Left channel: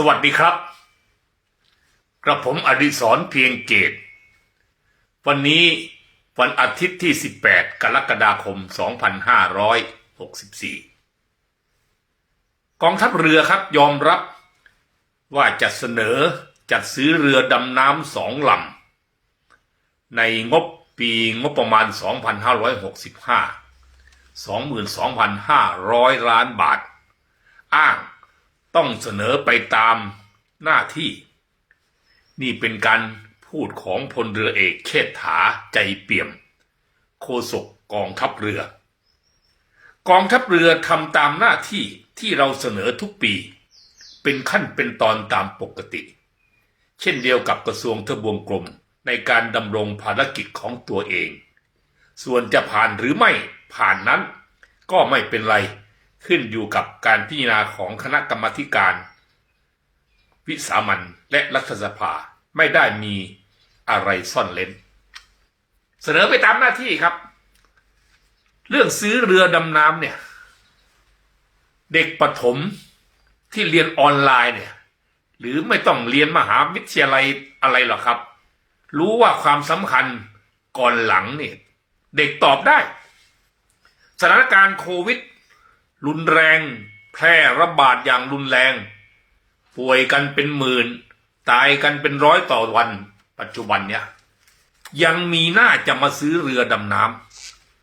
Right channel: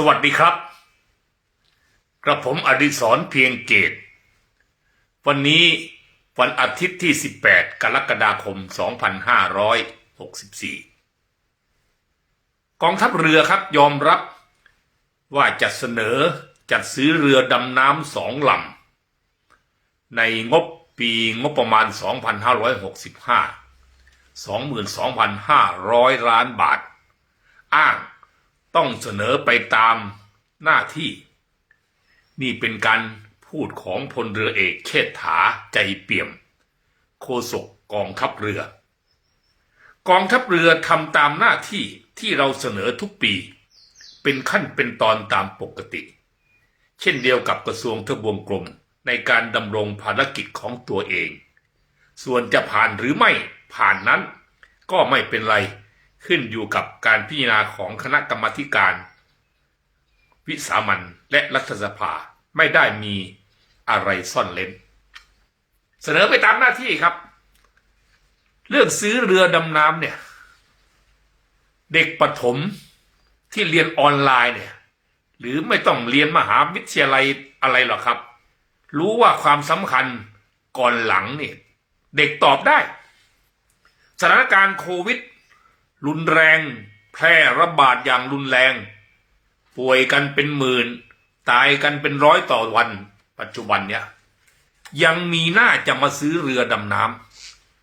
สวัสดีครับ กระผมอดิศรเพียงเกต วันนี้วันอาทิตย์ที่ 18 กรกฎาคม 2564 กองทัพเรือครับยอมรับว่าจะเสนอจัดซื้อเรือดำน้ำสองลำ ในงบปีงบประมาณ 2565 22,500 ล้านบาท อ้าง ต้องเสนอไปตามหน้าที่ นี่เป็นการพูดของพลเรือเอกเชษฐาใจเปี่ยมโฆษกกองทัพเรือ กองทัพเรือทำตามหน้าที่ที่เราเสนอทุกปี เป็นขั้นเป็นตอนตามปกติ เช่นเดียวกับกระทรวงทบวงกรมในการดำรงภารกิจของตัวเอง ส่วนจะผ่านหรือไม่ผ่านนั้นก็ไม่เป็นไร ขึ้นอยู่กับการพิจารณาของคณะกรรมการ วิสามันและรัฐสภาไม่ได้มีอะไรซ่อนเล้น เสนอไปตามหน้าที่ครับ เรื่องซื้อเรือดำน้ำเนี่ย เด็กประถมที่เรียนออนไลน์เนี่ย หรือไม่ต้องเรียนมหาวิทยาลัยอะไรหรอกครับ รู้ว่าความสำคัญก่อนหลังเนี่ย เด็กตอบได้ สถานการณ์โควิด รุนแรง แพร่ระบาดอย่างรุนแรง ป่วยกันเป็นหมื่น ตายกันเป็นร้อยต่อวัน ปัจจุบันเนี่ย ยังมีหน้าจะมาซื้อเรือดำน้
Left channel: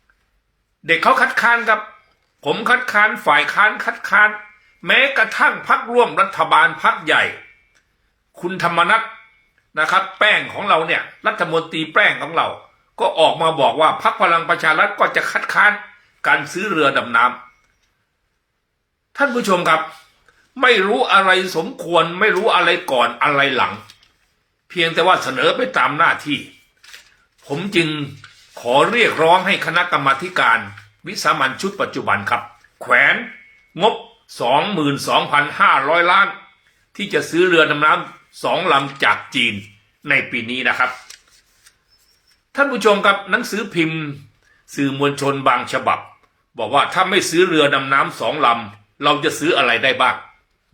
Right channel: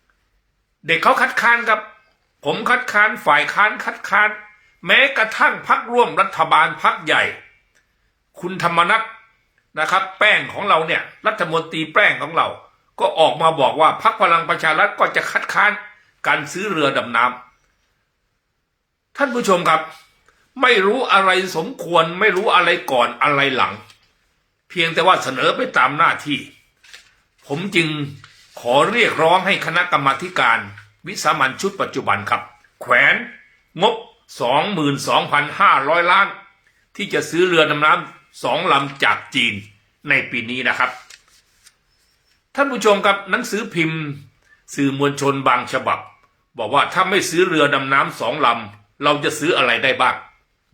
ำเด็กเขาคัดค้านครับ ผมคัดค้านฝ่ายค้านคัดค้าน แม้กระทั่งพักร่วมรัฐบาลพักใหญ่ คุณธรรมนัฐนะครับ แป้งของเราเนี่ย รัฐมนตรีแป้งของเรา ก็ออกมาบอกว่าพักพลังประชารัฐก็จะคัดค้านการซื้อเรือดำน้ำ ท่านผู้ชมครับ ไม่รู้อะไรสมควร ไม่รู้อะไรก่อนอะไรหลัง เพียงแต่ว่าเสนอไปตามหน้าที่ ผมจึงขอเรียกร้องให้คณะกรรมาธิการวิสามันชุดปัจจุบันครับ แขวนงบ 22,500 ล้าน ที่จะซื้อเรือดำน้ำสองลำจากจีนในปีนี้นะครับ ท่านผู้ชมครับหนังสือพิมพ์ สื่อมวลชนบางฉบับ บอกว่าถ้าไม่ซื้อเรือดำน้ำสองลำ เราจะซื้ออะไรได้บ้าง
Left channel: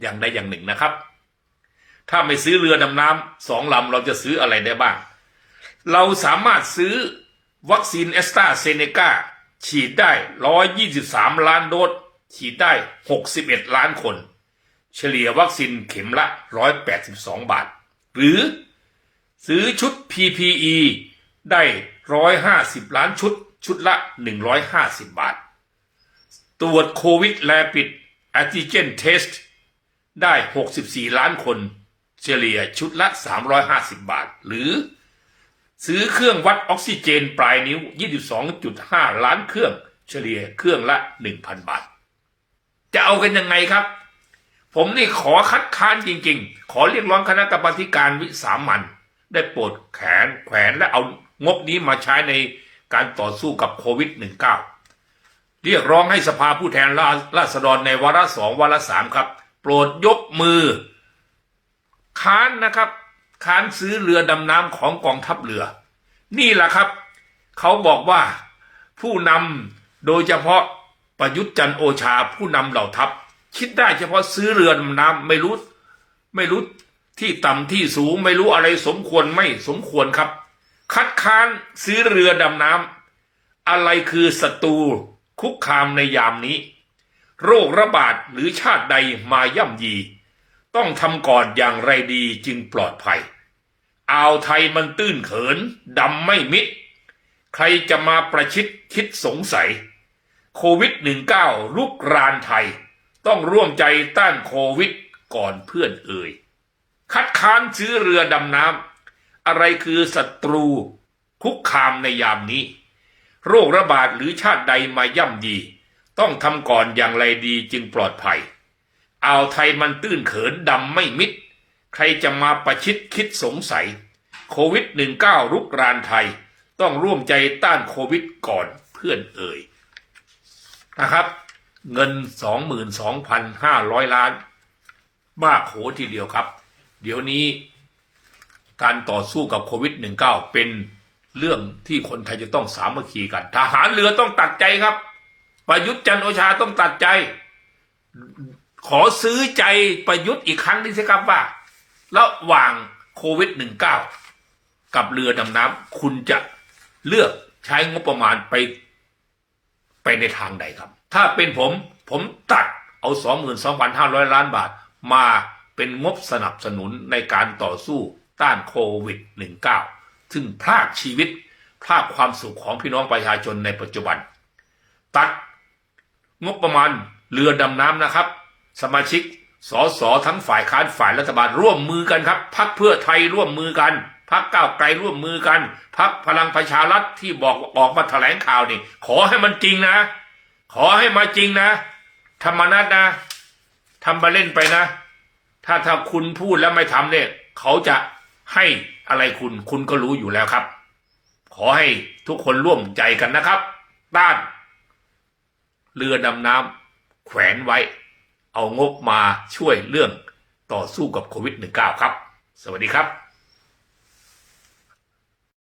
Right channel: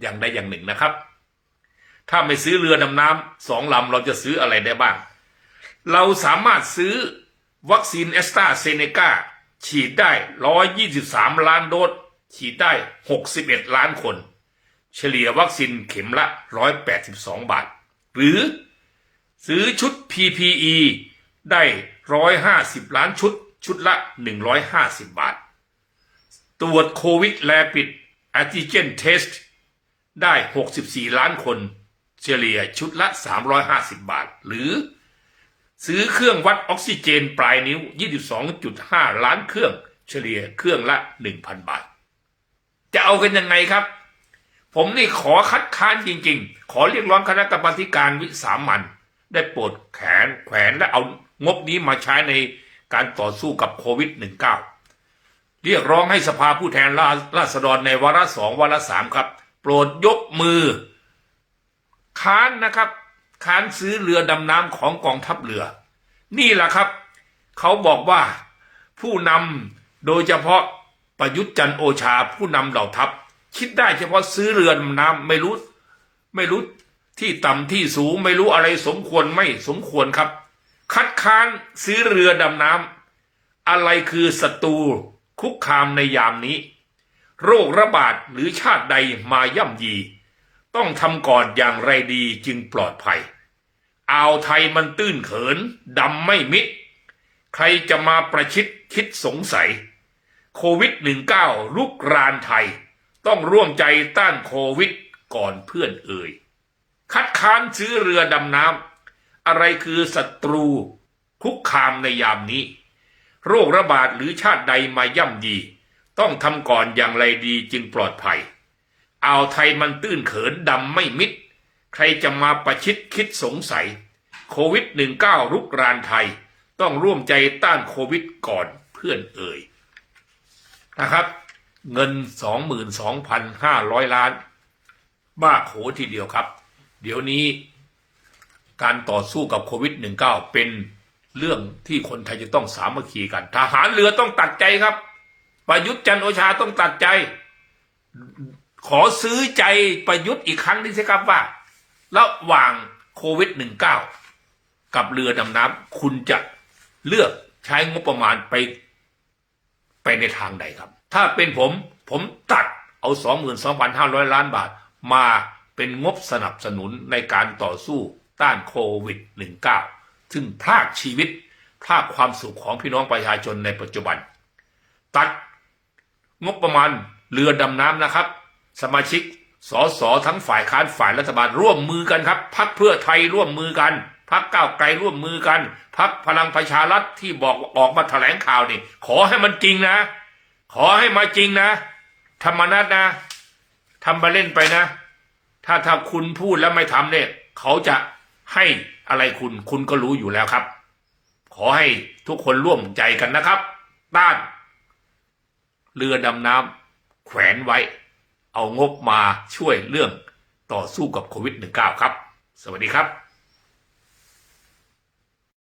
อย่างใดอย่างหนึ่งนะครับ ถ้าไม่ซื้อเรือดำน้ำสองลำเราจะซื้ออะไรได้บ้าง เราสามารถซื้อวัคซีนแอสตราเซเนกาฉีดได้ 123 ล้านโดสฉีดได้ 61 ล้านคน เฉลี่ยวัคซีนเข็มละ 182 บาท หรือซื้อชุด PPE ได้ 150 ล้านชุด ชุดละ 150 บาท ตรวจโควิดแลปิด แอนติเจนเทสได้ 64 ล้านคน เฉลี่ยชุดละ 350 บาท หรือ ซื้อเครื่องวัดออกซิเจนปลายนิ้ว 22.5 ล้านเครื่อง เฉลี่ยเครื่องละ 1,000 บาท จะเอากันยังไงครับ ผมนี่ขอคัดค้านจริงๆ ขอเรียกร้องคณะกรรมการวิสามันได้โปรดแขนแขวนและเอางบนี้มาใช้ในการต่อสู้กับโควิด -19 เรียกร้องให้สภาผู้แทนราษฎรในวาระสองวาระสามครับ โปรดยกมือ ค้านนะครับ ค้านซื้อเรือดำน้ำของกองทัพเรือ นี่แหละครับ เขาบอกว่าผู้นำโดยเฉพาะประยุทธ์จันโอชาผู้นำเหล่าทัพ คิดได้เฉพาะซื้อเรือดำน้ำไม่รู้ไม่รู้ที่ต่ำที่สูงไม่รู้อะไรสมควรไม่สมควรครับ คัดค้านซื้อเรือดำน้ำอะไรคือศัตรู คุกคามในยามนี้ โรคระบาดหรือชาติใดมาย่ำยี ต้องทำก่อนอย่างไรดีจึงปลอดภัย อ่าวไทยมันตื้นเขินดำไม่มิด ใครจะมาประชิดคิดสงสัย โควิด -19 ลุกรานไทย ต้องร่วมใจต้านโควิดก่อนเพื่อนเอ่ย คัดค้านซื้อเรือดำน้ำอะไรคือศัตรูคุกคามในยามนี้ โรคระบาดหรือชาติใดมาย่ำยี ต้องทำก่อนอย่างไรดีจึงปลอดภัยอ่าวไทยมันตื้นเขินดำไม่มิด ใครจะมาประชิดคิดสงสัย โควิด -19 รุกรานไทย ต้องร่วมใจต้านโควิดก่อนเพื่อนเอ่ยนะครับ เงิน 22,500 ล้าน มากโหทีเดียวครับ เดี๋ยวนี้การต่อสู้กับโควิด -19 เป็น เรื่องที่คนไทยจะต้องสามัคคีกัน ทหารเรือต้องตัดใจครับ ประยุทธ์จันโอชาต้องตัดใจ ขอซื้อใจประยุทธ์อีกครั้งนึงสิครับว่า ระหว่างโควิด -19 กับเรือดำน้ำคุณจะเลือกใช้งบประมาณไป ไปในทางใดครับ ถ้าเป็นผมผมตัดเอา 22,500 ล้านบาท มาเป็นงบสนับสนุนในการต่อสู้ต้านโควิด -19 ซึ่งพรากชีวิตพรากความสุขของพี่น้องประชาชนในปัจจุบัน ตัดงบประมาณเรือดำน้ำนะครับ สมาชิกสสทั้งฝ่ายค้านฝ่ายรัฐบาลร่วมมือกันครับพักเพื่อไทยร่วมมือกันพักก้าวไกลร่วมมือกันพักพลังประชารัฐที่บอกออกมาแถลงข่าวนี่ ขอให้มันจริงนะ ขอให้มาจริงนะธรรมนัตนะทำมาเล่นไปนะ ถ้าถ้าคุณพูดแล้วไม่ทำเนี่ย เขาจะ ให้อะไรคุณคุณก็รู้อยู่แล้วครับ ขอให้ทุกคนร่วมใจกันนะครับด้าน เรือดำน้ำแขวนไว้ เอางบมาช่วยเรื่องต่อสู้กับโควิด -19 ครับ สวัสดีครับ